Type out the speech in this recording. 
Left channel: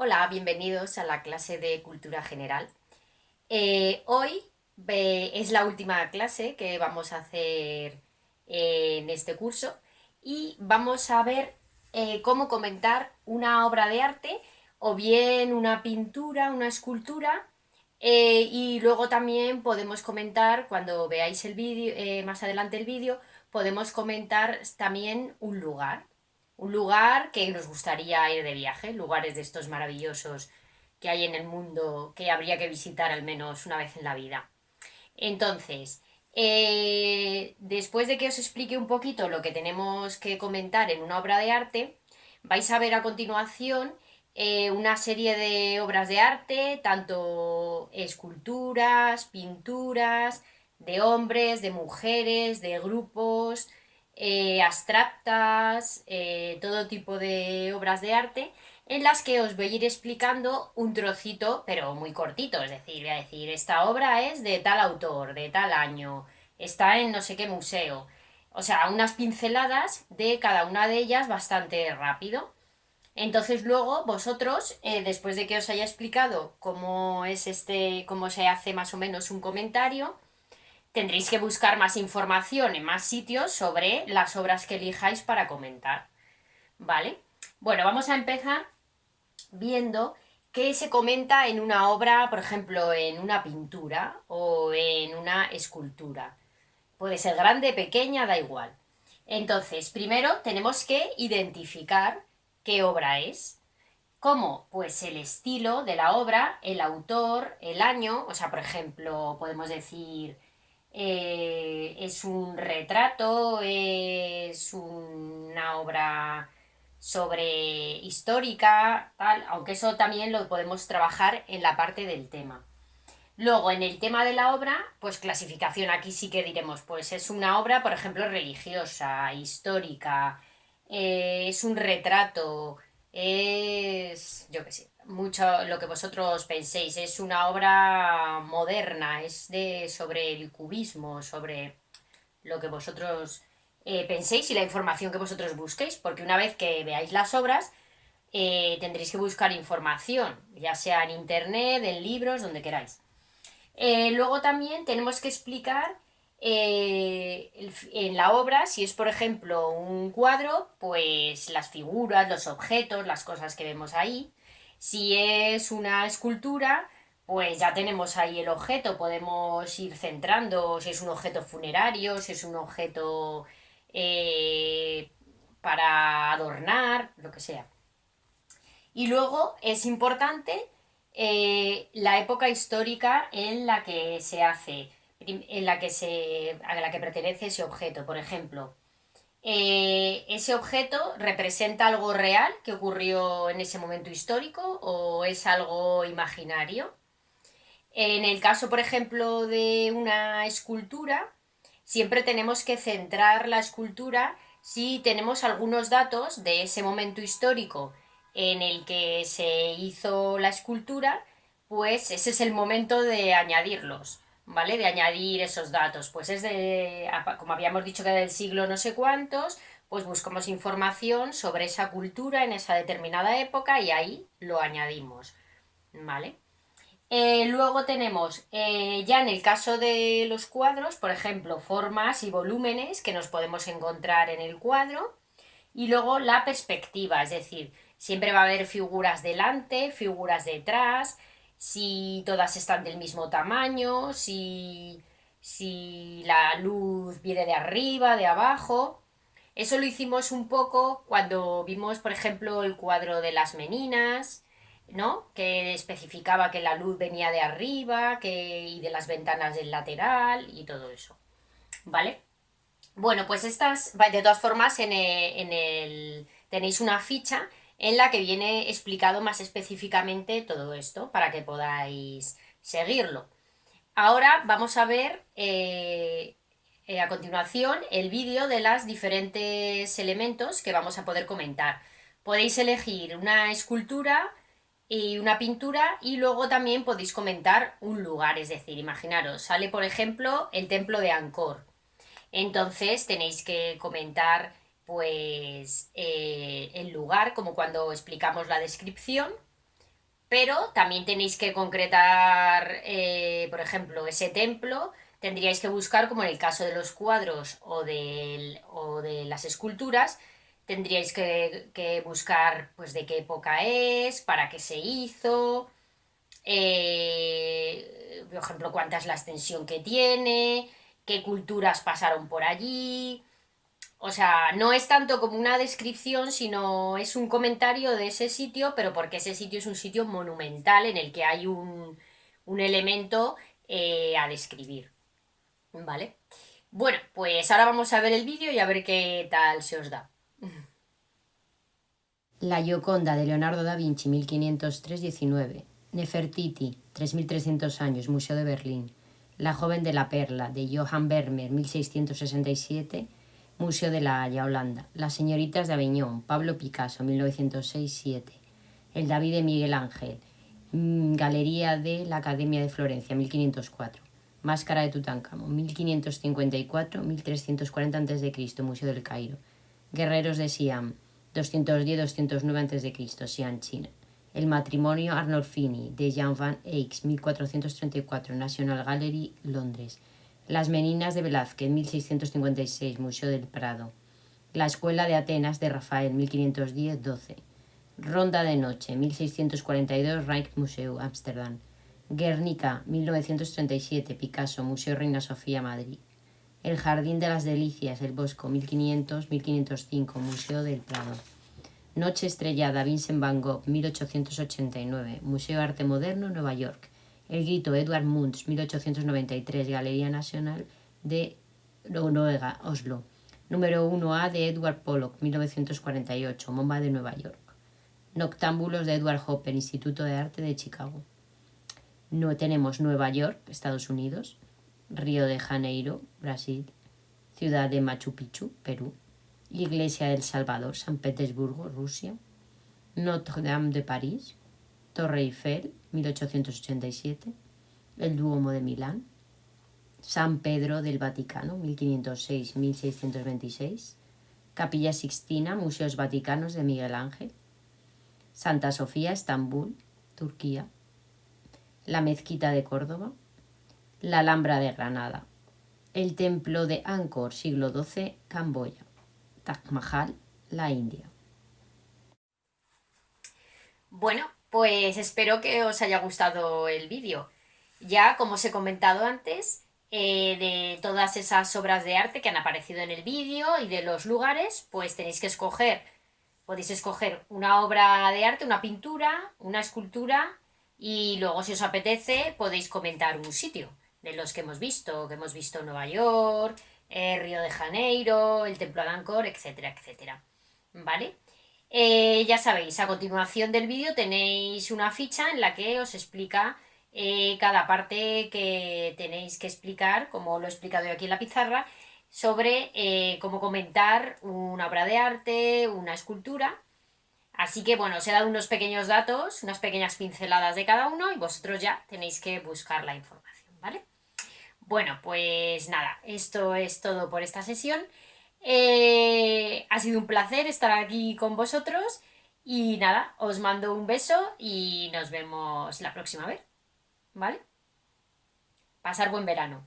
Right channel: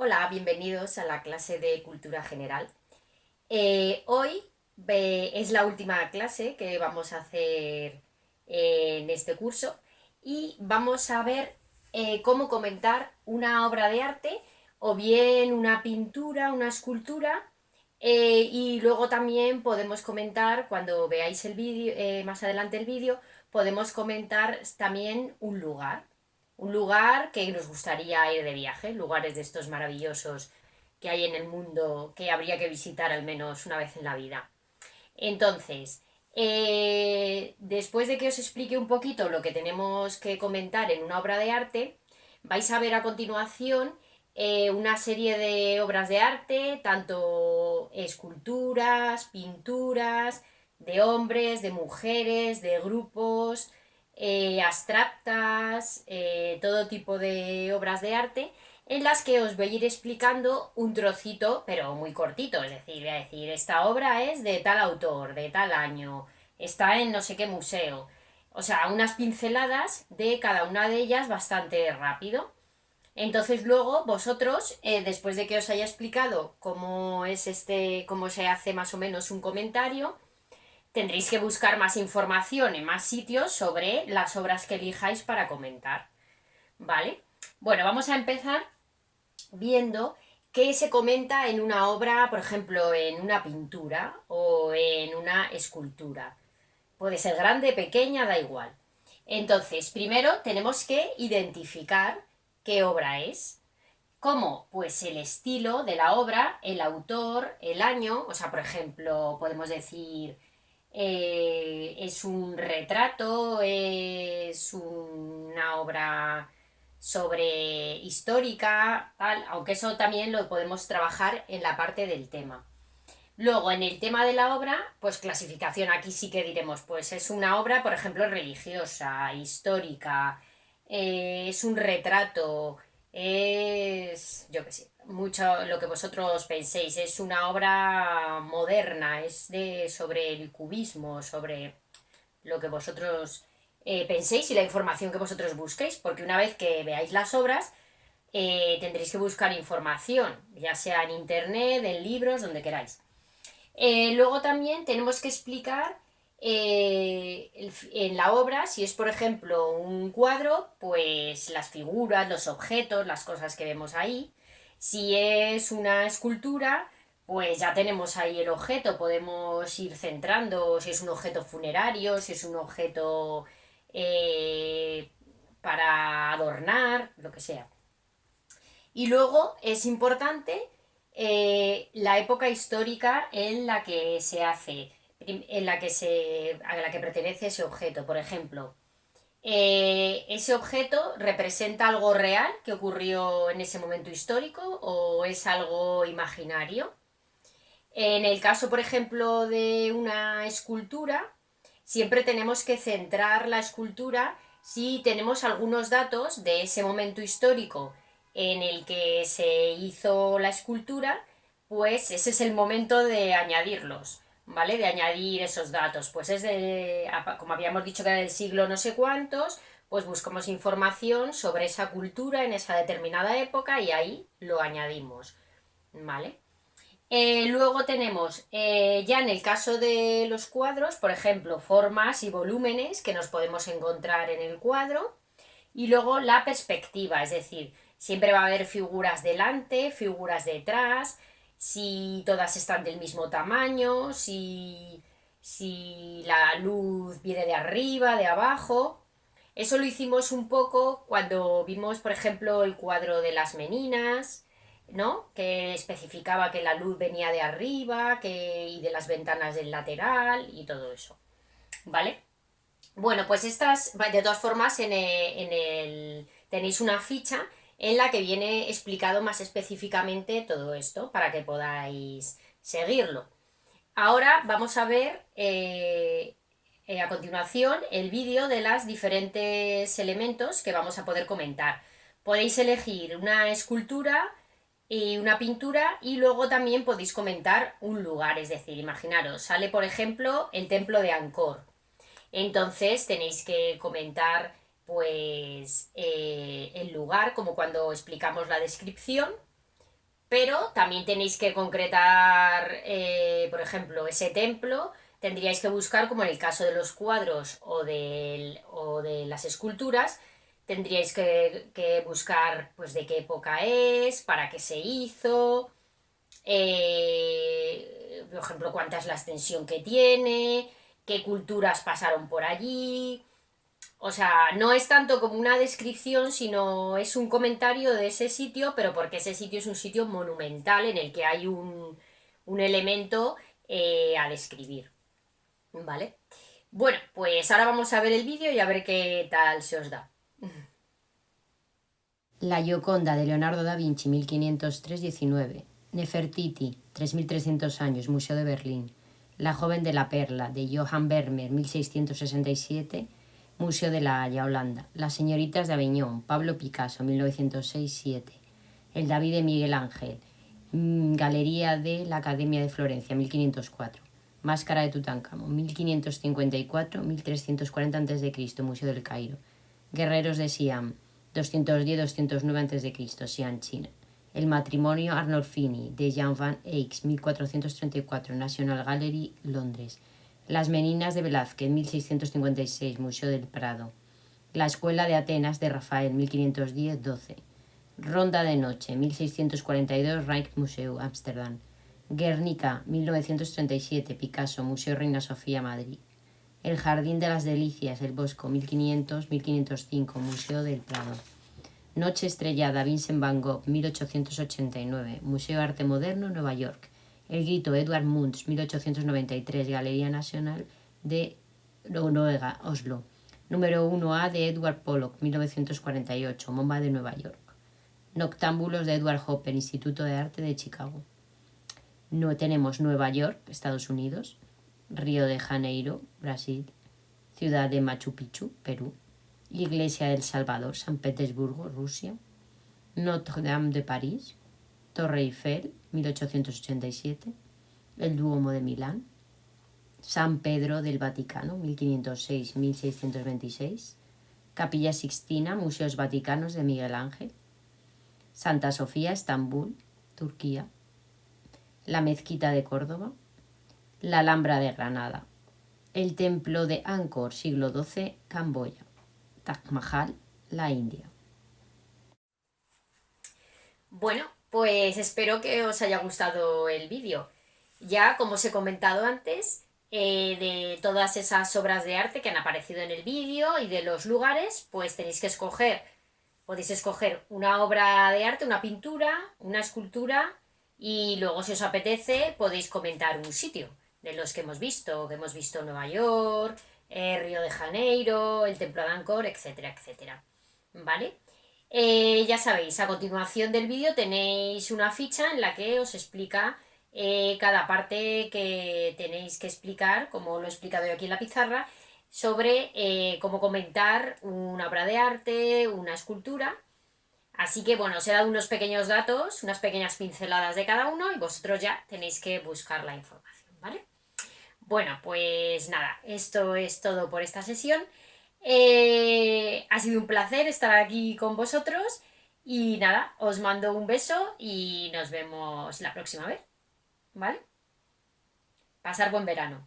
Hola, bienvenidos a la clase de Cultura General. Hoy es la última clase que vamos a hacer en este curso y vamos a ver cómo comentar una obra de arte o bien una pintura, una escultura. Y luego también podemos comentar, cuando veáis el vídeo, más adelante el vídeo, podemos comentar también un lugar que nos gustaría ir de viaje, lugares de estos maravillosos que hay en el mundo que habría que visitar al menos una vez en la vida. Entonces, después de que os explique un poquito lo que tenemos que comentar en una obra de arte, vais a ver a continuación una serie de obras de arte, tanto esculturas, pinturas, de hombres, de mujeres, de grupos, abstractas, todo tipo de obras de arte en las que os voy a ir explicando un trocito, pero muy cortito, es decir, voy a decir, esta obra es de tal autor, de tal año, está en no sé qué museo. O sea, unas pinceladas de cada una de ellas bastante rápido. Entonces luego vosotros, después de que os haya explicado cómo es cómo se hace más o menos un comentario, tendréis que buscar más información en más sitios sobre las obras que elijáis para comentar. ¿Vale? Bueno, vamos a empezar viendo qué se comenta en una obra, por ejemplo, en una pintura o en una escultura. Puede ser grande, pequeña, da igual. Entonces, primero tenemos que identificar qué obra es. ¿Cómo? Pues el estilo de la obra, el autor, el año, o sea, por ejemplo, podemos decir, es un retrato, es una obra sobre histórica, tal, aunque eso también lo podemos trabajar en la parte del tema. Luego, en el tema de la obra, pues clasificación, aquí sí que diremos, pues es una obra, por ejemplo, religiosa, histórica, es un retrato, es, yo qué sé, mucho lo que vosotros penséis, es una obra moderna, es de sobre el cubismo, sobre lo que vosotros penséis y la información que vosotros busquéis, porque una vez que veáis las obras, tendréis que buscar información, ya sea en internet, en libros, donde queráis. Luego también tenemos que explicar en la obra, si es por ejemplo un cuadro, pues las figuras, los objetos, las cosas que vemos ahí. Si es una escultura, pues ya tenemos ahí el objeto, podemos ir centrando si es un objeto funerario, si es un objeto eh, para adornar, lo que sea. Y luego es importante la época histórica en la que se hace, a la que pertenece ese objeto. Por ejemplo, ¿ese objeto representa algo real que ocurrió en ese momento histórico o es algo imaginario? En el caso, por ejemplo, de una escultura, siempre tenemos que centrar la escultura si tenemos algunos datos de ese momento histórico en el que se hizo la escultura, pues ese es el momento de añadirlos, ¿vale? De añadir esos datos. Pues es de, como habíamos dicho que era del siglo no sé cuántos, pues buscamos información sobre esa cultura en esa determinada época y ahí lo añadimos, ¿vale? Luego tenemos, ya en el caso de los cuadros, por ejemplo, formas y volúmenes que nos podemos encontrar en el cuadro. Y luego la perspectiva, es decir, siempre va a haber figuras delante, figuras detrás, si todas están del mismo tamaño, si la luz viene de arriba, de abajo. Eso lo hicimos un poco cuando vimos, por ejemplo, el cuadro de las meninas, ¿no? Que especificaba que la luz venía de arriba, y de las ventanas del lateral y todo eso, ¿vale? Bueno, pues estas, de todas formas, tenéis una ficha en la que viene explicado más específicamente todo esto para que podáis seguirlo. Ahora vamos a ver a continuación el vídeo de los diferentes elementos que vamos a poder comentar. Podéis elegir una escultura y una pintura y luego también podéis comentar un lugar, es decir, imaginaros, sale por ejemplo el templo de Angkor. Entonces tenéis que comentar pues el lugar, como cuando explicamos la descripción, pero también tenéis que concretar, por ejemplo, ese templo. Tendríais que buscar, como en el caso de los cuadros o de las esculturas, tendríais que buscar pues de qué época es, para qué se hizo, por ejemplo, cuánta es la extensión que tiene, qué culturas pasaron por allí. O sea, no es tanto como una descripción, sino es un comentario de ese sitio, pero porque ese sitio es un sitio monumental en el que hay un elemento a describir. ¿Vale? Bueno, pues ahora vamos a ver el vídeo y a ver qué tal se os da. La Gioconda de Leonardo da Vinci, 1503-19. Nefertiti, 3300 años, Museo de Berlín. La joven de la perla, de Johann Vermeer, 1667, Museo de La Haya, Holanda. Las señoritas de Aviñón, Pablo Picasso, 1906-7. El David de Miguel Ángel, Galería de la Academia de Florencia, 1504. Máscara de Tutankamón, 1554-1340 a.C., Museo del Cairo. Guerreros de Siam, 210-209 a.C., Xi'an, China. El matrimonio Arnolfini, de Jan van Eyck, 1434, National Gallery, Londres. Las meninas de Velázquez, 1656, Museo del Prado. La escuela de Atenas, de Rafael, 1510-12. Ronda de noche, 1642, Rijksmuseum, Ámsterdam. Guernica, 1937, Picasso, Museo Reina Sofía, Madrid. El Jardín de las Delicias, El Bosco, 1500-1505, Museo del Prado. Noche estrellada, Vincent van Gogh, 1889, Museo Arte Moderno, Nueva York. El Grito, Edvard Munch, 1893, Galería Nacional de Noruega, Oslo. Número 1A de Edward Pollock, 1948, MoMA de Nueva York. Noctámbulos de Edward Hopper, Instituto de Arte de Chicago. No tenemos Nueva York, Estados Unidos. Río de Janeiro, Brasil. Ciudad de Machu Picchu, Perú. Iglesia del Salvador, San Petersburgo, Rusia. Notre-Dame de París. Torre Eiffel, 1887. El Duomo de Milán. San Pedro del Vaticano, 1506-1626. Capilla Sixtina, Museos Vaticanos de Miguel Ángel. Santa Sofía, Estambul, Turquía. La Mezquita de Córdoba. La Alhambra de Granada. El Templo de Angkor, siglo XII, Camboya. Taj Mahal, la India. Bueno, pues espero que os haya gustado el vídeo. Ya, como os he comentado antes, de todas esas obras de arte que han aparecido en el vídeo y de los lugares, pues tenéis que escoger, podéis escoger una obra de arte, una pintura, una escultura y luego, si os apetece, podéis comentar un sitio de los que hemos visto Nueva York, Río de Janeiro, el Templo de Angkor, etcétera, etcétera. ¿Vale? Ya sabéis, a continuación del vídeo tenéis una ficha en la que os explica cada parte que tenéis que explicar, como lo he explicado yo aquí en la pizarra, sobre cómo comentar una obra de arte, una escultura. Así que bueno, os he dado unos pequeños datos, unas pequeñas pinceladas de cada uno y vosotros ya tenéis que buscar la información, ¿vale? Bueno, pues nada, esto es todo por esta sesión. Ha sido un placer estar aquí con vosotros y nada, os mando un beso y nos vemos la próxima vez, ¿vale? Pasar buen verano.